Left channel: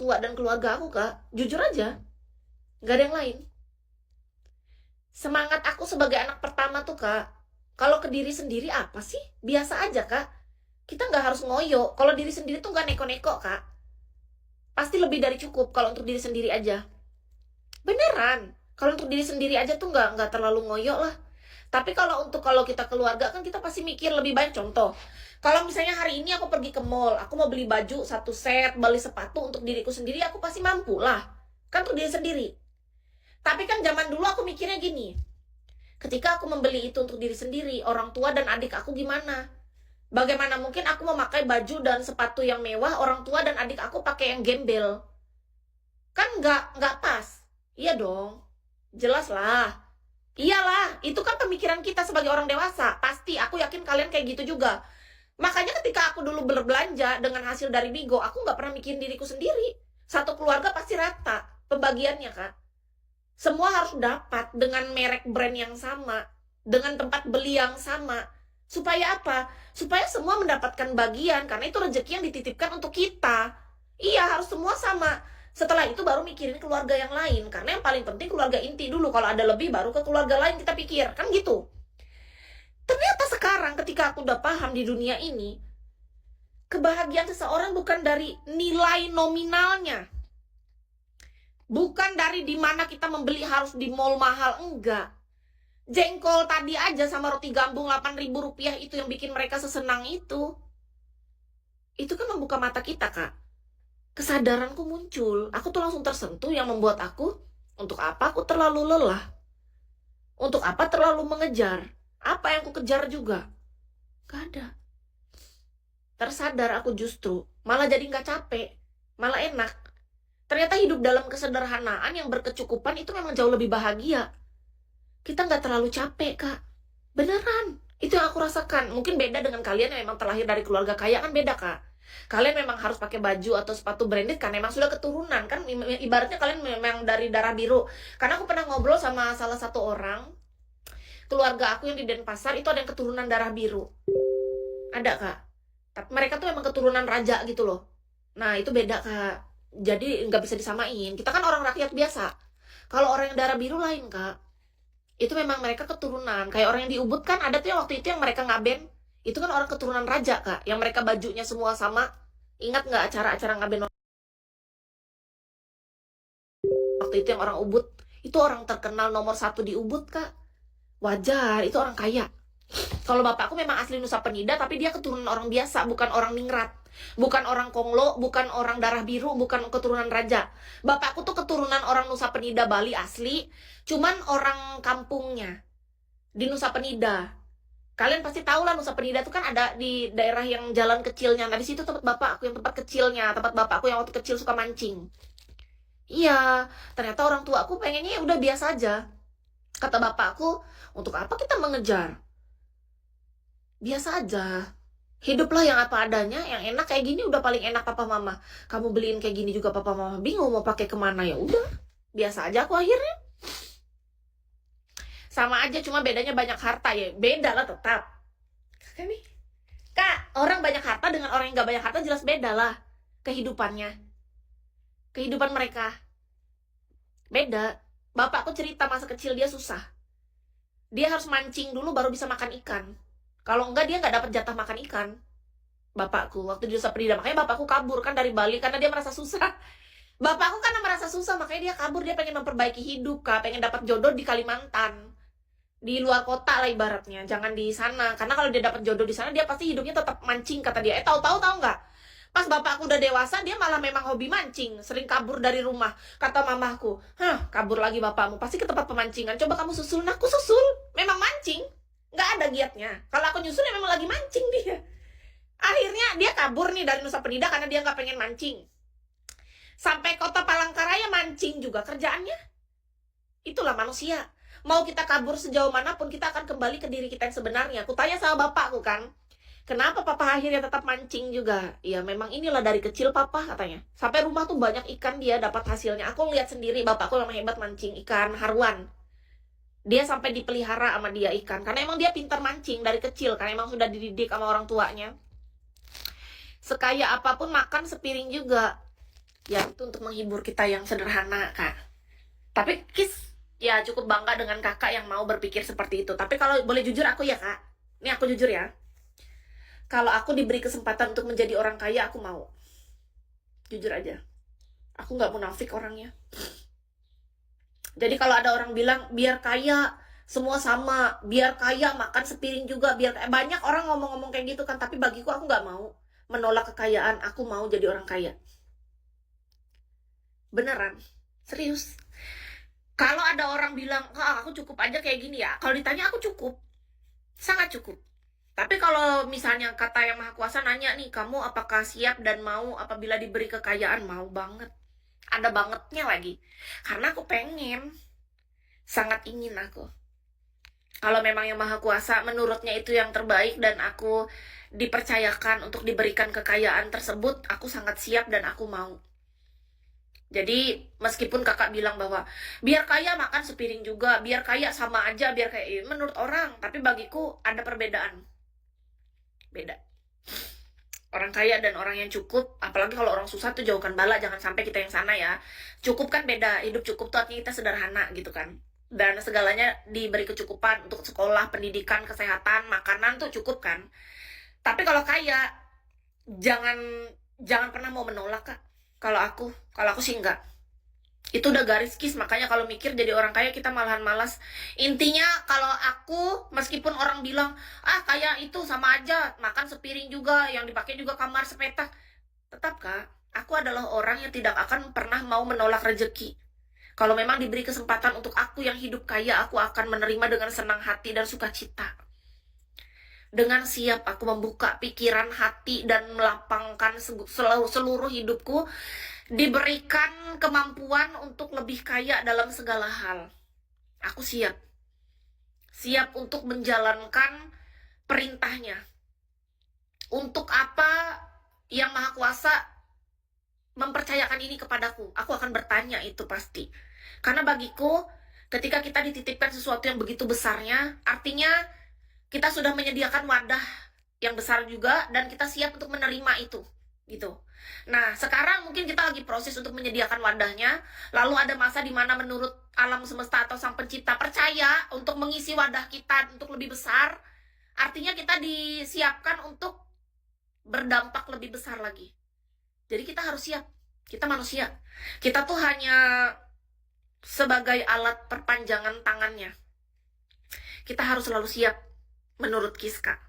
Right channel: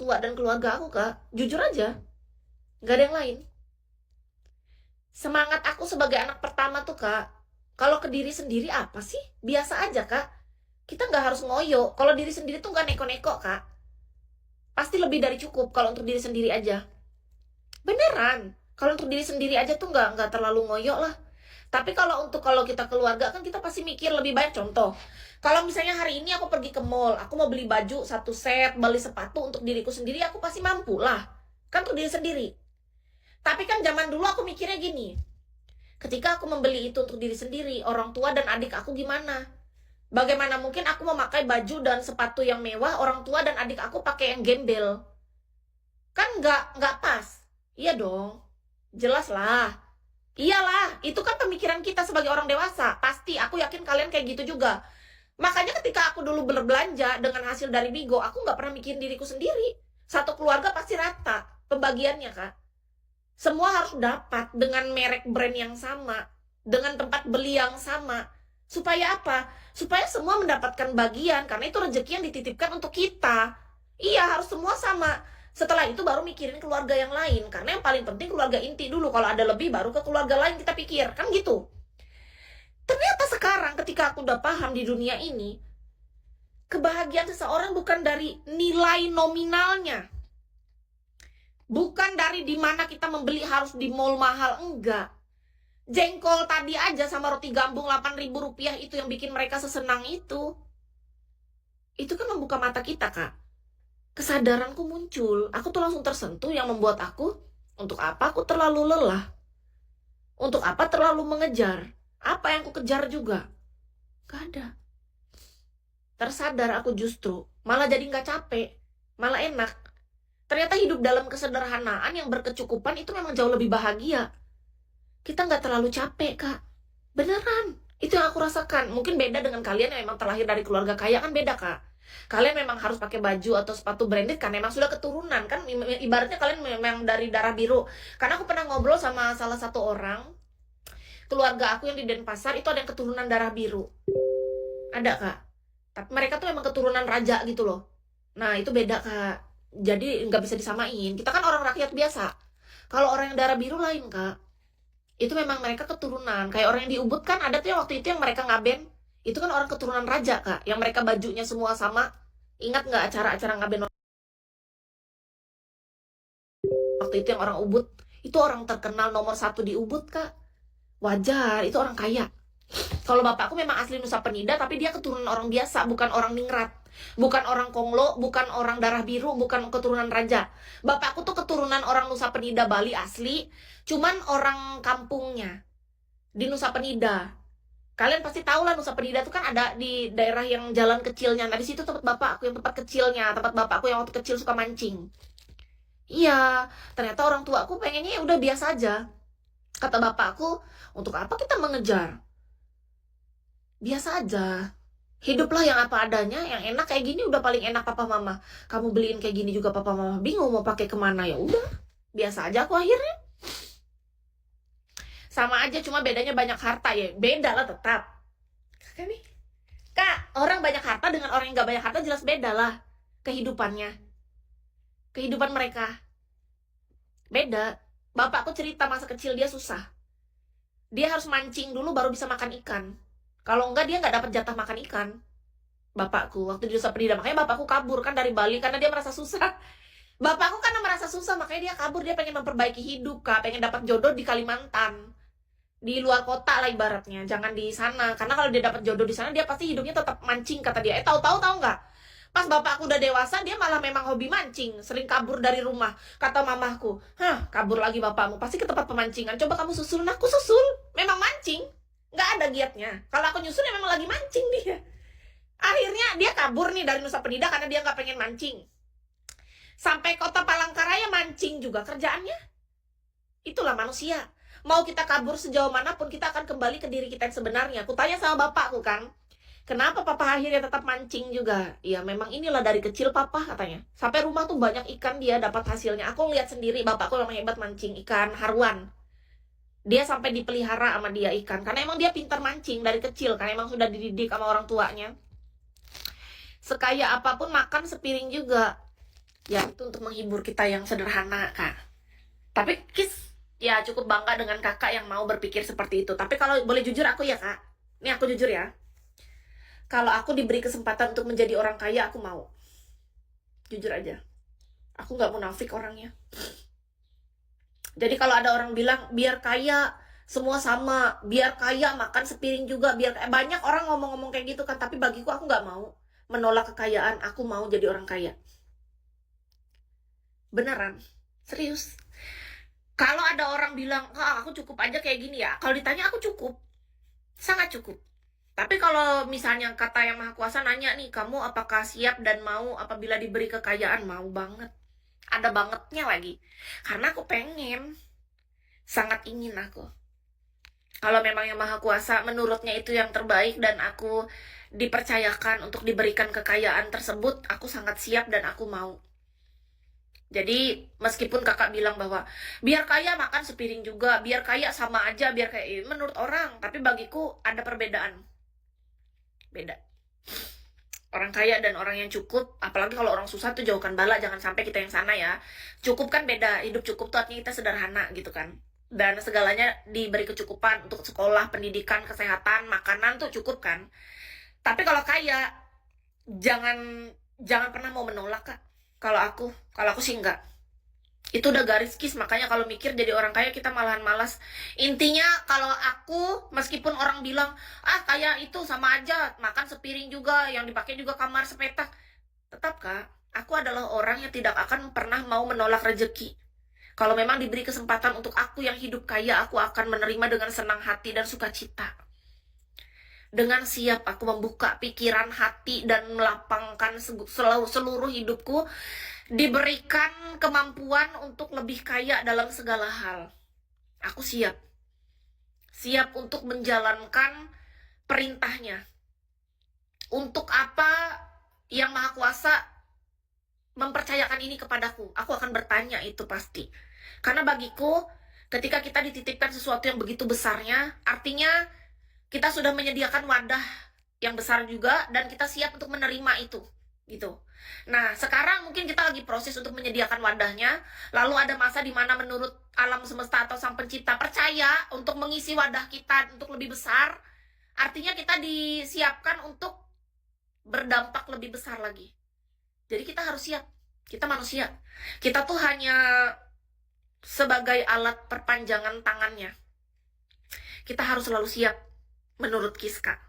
tua dan keluarga aku, Kak. Jujur aja, nggak ada yang lain. Semangat aku sebagai anak pertama tuh, Kak, kalau ke diri sendiri apa sih? Biasa aja, Kak. Kita nggak harus ngoyo. Kalau diri sendiri tuh nggak neko-neko, Kak. Pasti lebih dari cukup kalau untuk diri sendiri aja. Beneran. Kalau untuk diri sendiri aja tuh nggak terlalu ngoyo lah. Tapi kalau kita keluarga kan kita pasti mikir lebih banyak. Contoh, kalau misalnya hari ini aku pergi ke mall, aku mau beli baju satu set, beli sepatu untuk diriku sendiri, aku pasti mampu lah. Kan untuk diri sendiri. Tapi kan zaman dulu aku mikirnya gini, ketika aku membeli itu untuk diri sendiri, orang tua dan adik aku gimana? Bagaimana mungkin aku memakai baju dan sepatu yang mewah, orang tua dan adik aku pakai yang gembel? Kan nggak pas. Iya dong, jelas lah. Iyalah, itu kan pemikiran kita sebagai orang dewasa. Pasti, aku yakin kalian kayak gitu juga. Makanya ketika aku dulu berbelanja dengan hasil dari Bigo, aku nggak pernah mikirin diriku sendiri. Satu keluarga pasti rata pembagiannya, Kak. Semua harus dapat dengan merek brand yang sama, dengan tempat beli yang sama. Supaya apa? Supaya semua mendapatkan bagian, karena itu rezeki yang dititipkan untuk kita. Iya, harus semua sama. Setelah itu baru mikirin keluarga yang lain, karena yang paling penting keluarga inti dulu. Kalau ada lebih baru ke keluarga lain kita pikir, kan gitu. Ternyata sekarang ketika aku udah paham di dunia ini, kebahagiaan seseorang bukan dari nilai nominalnya, bukan dari dimana kita membeli harus di mall mahal, enggak. Jengkol tadi aja sama roti gambung 8.000 rupiah itu yang bikin mereka sesenang itu. Itu kan membuka mata kita, Kak. Kesadaranku muncul. Aku tuh langsung tersentuh, yang membuat aku, untuk apa aku terlalu lelah? Untuk apa terlalu mengejar? Apa yang aku kejar juga? Gak ada. Tersadar aku justru, malah jadi gak capek, malah enak. Ternyata hidup dalam kesederhanaan yang berkecukupan itu memang jauh lebih bahagia. Kita gak terlalu capek, Kak. Beneran. Itu yang aku rasakan. Mungkin beda dengan kalian yang memang terlahir dari keluarga kaya, kan beda, Kak. Kalian memang harus pakai baju atau sepatu branded kan memang sudah keturunan kan, ibaratnya kalian memang dari darah biru. Karena aku pernah ngobrol sama salah satu orang keluarga aku yang di Denpasar, itu ada yang keturunan darah biru. Ada, Kak. Tapi mereka tuh memang keturunan raja gitu loh. Nah, itu beda, Kak. Jadi nggak bisa disamain. Kita kan orang rakyat biasa. Kalau orang yang darah biru lain, Kak. Itu memang mereka keturunan. Kayak orang yang di Ubud kan ada tuh yang waktu itu yang mereka ngaben. Itu kan orang keturunan raja, Kak. Yang mereka bajunya semua sama. Ingat nggak acara-acara ngaben waktu itu yang orang Ubud? Itu orang terkenal nomor 1 di Ubud, Kak. Wajar, itu orang kaya. Kalau bapakku memang asli Nusa Penida, tapi dia keturunan orang biasa, bukan orang ningrat. Bukan orang Konglo, bukan orang darah biru, bukan keturunan raja. Bapakku tuh keturunan orang Nusa Penida Bali asli, cuman orang kampungnya di Nusa Penida. Kalian pasti tahu lah Nusa Penida tuh kan ada di daerah yang jalan kecilnya. Nah, di situ tempat bapakku, yang tempat kecilnya, tempat bapakku yang waktu kecil suka mancing. Iya, ternyata orang tua aku pengennya ya udah biasa aja. Kata bapakku, untuk apa kita mengejar? Biasa aja. Hiduplah yang apa adanya, yang enak kayak gini udah paling enak papa mama. Kamu beliin kayak gini juga papa mama bingung mau pakai kemana, ya udah. Biasa aja aku akhirnya. Sama aja, cuma bedanya banyak harta ya. Beda lah tetap. Kakak nih. Kak, orang banyak harta dengan orang yang gak banyak harta jelas beda lah. Kehidupannya. Kehidupan mereka. Beda. Bapakku cerita masa kecil dia susah. Dia harus mancing dulu baru bisa makan ikan. Kalau enggak dia nggak dapat jatah makan ikan. Bapakku waktu di Nusa Penida, makanya bapakku kabur kan dari Bali karena dia merasa susah. Bapakku karena merasa susah makanya dia kabur, dia pengen memperbaiki hidup, Kak, pengen dapat jodoh di Kalimantan. Di luar kota lah ibaratnya, jangan di sana. Karena kalau dia dapat jodoh di sana dia pasti hidupnya tetap mancing kata dia. Tahu-tahu nggak? Pas bapakku udah dewasa dia malah memang hobi mancing, sering kabur dari rumah. Kata mamahku, kabur lagi bapakmu, pasti ke tempat pemancingan. Coba kamu susul. Nah, aku susul, memang mancing. Nggak ada giatnya. Kalau aku nyusul ya memang lagi mancing dia. Akhirnya dia kabur nih dari Nusa Penida karena dia nggak pengen mancing. Sampai kota Palangkaraya mancing juga kerjaannya. Itulah manusia. Mau kita kabur sejauh manapun kita akan kembali ke diri kita yang sebenarnya. Aku tanya sama bapakku kan, kenapa papa akhirnya tetap mancing juga? Ya memang inilah dari kecil papa katanya. Sampai rumah tuh banyak ikan dia dapat hasilnya. Aku lihat sendiri bapakku memang hebat mancing ikan haruan. Dia sampai dipelihara sama dia ikan karena emang dia pintar mancing dari kecil karena emang sudah dididik sama orang tuanya. Sekaya apapun makan sepiring juga. Ya itu untuk menghibur kita yang sederhana, Kak. Tapi Kis ya cukup bangga dengan kakak yang mau berpikir seperti itu. Tapi kalau boleh jujur aku ya Kak, ini aku jujur ya. Kalau aku diberi kesempatan untuk menjadi orang kaya, aku mau. Jujur aja. Aku nggak munafik orangnya. Jadi kalau ada orang bilang biar kaya semua sama, biar kaya makan sepiring juga, biar kaya. Banyak orang ngomong-ngomong kayak gitu kan. Tapi bagiku aku nggak mau menolak kekayaan. Aku mau jadi orang kaya. Beneran, serius. Kalau ada orang bilang, ah, aku cukup aja kayak gini ya. Kalau ditanya aku cukup, sangat cukup. Tapi kalau misalnya kata Yang Maha Kuasa nanya nih, kamu apakah siap dan mau apabila diberi kekayaan? Mau banget. Ada bangetnya lagi. Karena aku pengen. Sangat ingin aku. Kalau memang Yang Maha Kuasa menurutnya itu yang terbaik dan aku dipercayakan untuk diberikan kekayaan tersebut, aku sangat siap dan aku mau. Jadi meskipun kakak bilang bahwa biar kaya makan sepiring juga, biar kaya sama aja, biar kayak menurut orang, tapi bagiku ada perbedaan. Beda. Orang kaya dan orang yang cukup, apalagi kalau orang susah tuh jauhkan bala, jangan sampai kita yang sana ya. Cukup kan beda, hidup cukup tuh artinya kita sederhana gitu kan. Dan segalanya diberi kecukupan untuk sekolah, pendidikan, kesehatan, makanan tuh cukup kan. Tapi kalau kaya, jangan jangan pernah mau menolak Kak. Kalau aku sih enggak. Itu udah garis kis, makanya kalau mikir jadi orang kaya kita malahan malas. Intinya kalau aku, meskipun orang bilang ah kaya itu sama aja makan sepiring juga, yang dipakai juga kamar sepetak, tetap Kak, aku adalah orang yang tidak akan pernah mau menolak rezeki. Kalau memang diberi kesempatan untuk aku yang hidup kaya, aku akan menerima dengan senang hati dan sukacita. Dengan siap aku membuka pikiran hati dan melapangkan seluruh hidupku, diberikan kemampuan untuk lebih kaya dalam segala hal. Aku siap. Siap untuk menjalankan perintahnya. Untuk apa Yang Maha Kuasa mempercayakan ini kepadaku? Aku akan bertanya itu pasti. Karena bagiku, ketika kita dititipkan sesuatu yang begitu besarnya, artinya kita sudah menyediakan wadah yang besar juga, dan kita siap untuk menerima itu. Gitu. Nah, sekarang mungkin kita lagi proses untuk menyediakan wadahnya. Lalu ada masa di mana menurut alam semesta atau sang pencipta percaya untuk mengisi wadah kita untuk lebih besar. Artinya kita disiapkan untuk berdampak lebih besar lagi. Jadi kita harus siap. Kita manusia. Kita tuh hanya sebagai alat perpanjangan tangannya. Kita harus selalu siap menurut Kiska.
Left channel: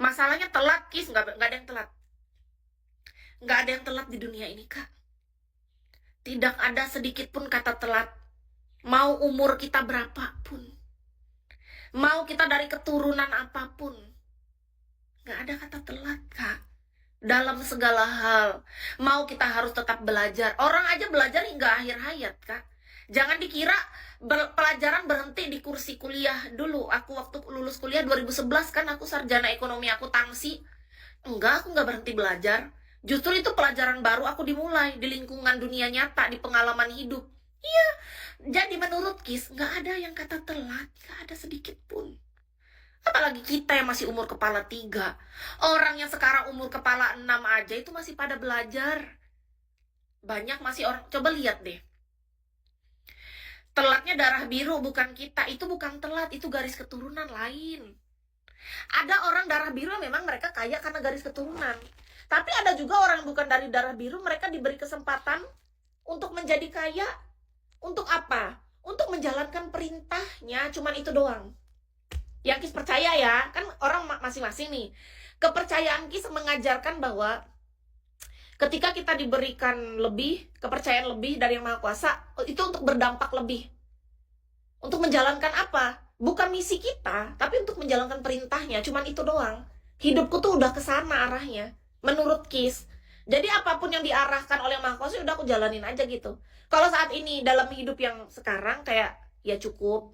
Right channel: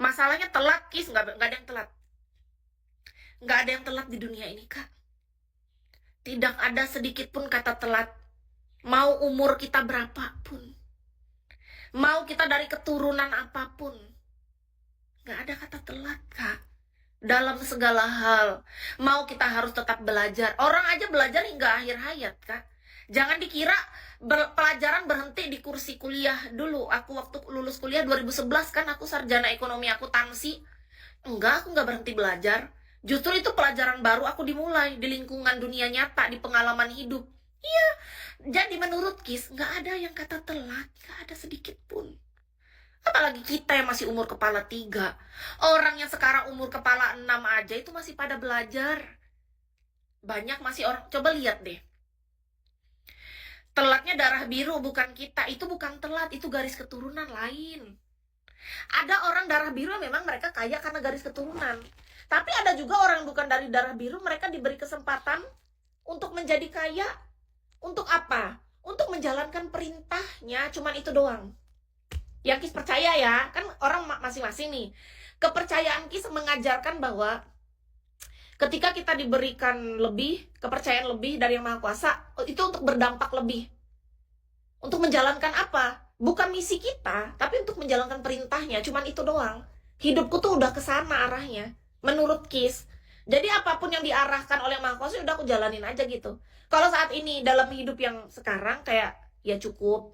Masalahnya telat, Kis. Nggak ada yang telat. Nggak ada yang telat di dunia ini, Kak. Tidak ada sedikit pun kata telat. Mau umur kita berapapun. Mau kita dari keturunan apapun. Nggak ada kata telat, Kak. Dalam segala hal. Mau kita harus tetap belajar. Orang aja belajar hingga akhir hayat, Kak. Jangan dikira pelajaran berhenti di kursi kuliah dulu. Aku waktu lulus kuliah 2011 kan aku sarjana ekonomi akuntansi. Enggak, aku nggak berhenti belajar. Justru itu pelajaran baru aku dimulai di lingkungan dunia nyata, di pengalaman hidup. Iya, jadi menurut Kis, nggak ada yang kata telat, nggak ada sedikit pun. Apalagi kita yang masih umur kepala 3. Orang yang sekarang umur kepala 6 aja itu masih pada belajar. Banyak masih orang, coba lihat deh. Telatnya darah biru bukan kita, itu bukan telat, itu garis keturunan lain. Ada orang darah biru memang mereka kaya karena garis keturunan. Tapi ada juga orang yang bukan dari darah biru, mereka diberi kesempatan untuk menjadi kaya. Untuk apa? Untuk menjalankan perintahnya, cuman itu doang. Yang Kis percaya ya, kan orang masing-masing nih. Kepercayaan Kis mengajarkan bahwa ketika kita diberikan lebih, kepercayaan lebih dari Yang Maha Kuasa, itu untuk berdampak lebih. Untuk menjalankan apa? Bukan misi kita, tapi untuk menjalankan perintahnya. Cuman itu doang. Hidupku tuh udah kesana arahnya. Menurut Kis. Jadi apapun yang diarahkan oleh Yang Maha Kuasa, udah aku jalanin aja gitu. Kalau saat ini dalam hidup yang sekarang kayak ya cukup.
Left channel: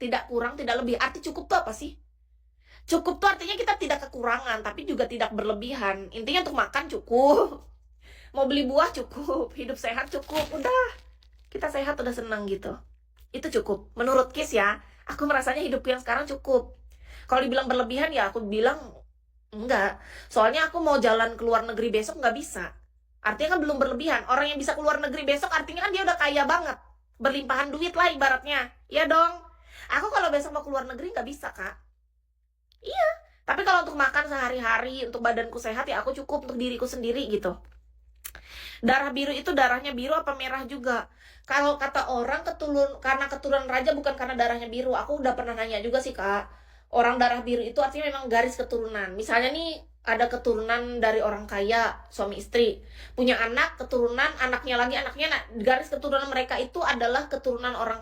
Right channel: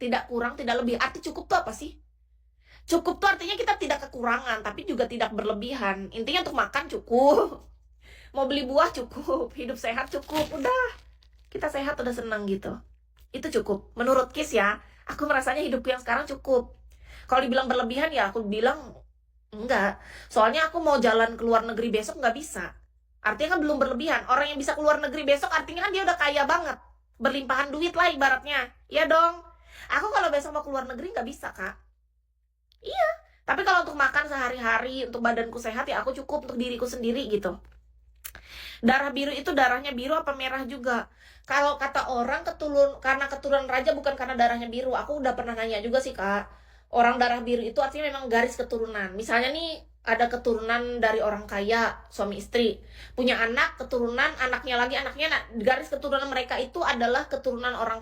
Tidak kurang, tidak lebih. Arti cukup tuh apa sih? Cukup tuh artinya kita tidak kekurangan, tapi juga tidak berlebihan. Intinya untuk makan cukup. Mau beli buah cukup. Hidup sehat cukup. Udah. Kita sehat udah seneng gitu. Itu cukup. Menurut Kis ya, aku merasanya hidupku yang sekarang cukup. Kalau dibilang berlebihan ya aku bilang Enggak, soalnya aku mau jalan ke luar negeri besok nggak bisa. Artinya kan belum berlebihan. Orang yang bisa keluar negeri besok artinya kan dia udah kaya banget. Berlimpahan duit lah ibaratnya. Iya dong. Aku kalau besok mau keluar negeri nggak bisa, Kak. Iya. Tapi kalau untuk makan sehari-hari, untuk badanku sehat ya aku cukup untuk diriku sendiri gitu. Darah biru itu darahnya biru apa merah juga? Kalau kata orang karena keturunan raja bukan karena darahnya biru. Aku udah pernah nanya juga sih, Kak. Orang darah biru itu artinya memang garis keturunan. Misalnya nih ada keturunan dari orang kaya, suami istri, punya anak, keturunan anaknya lagi anaknya, nah, garis keturunan mereka itu adalah keturunan orang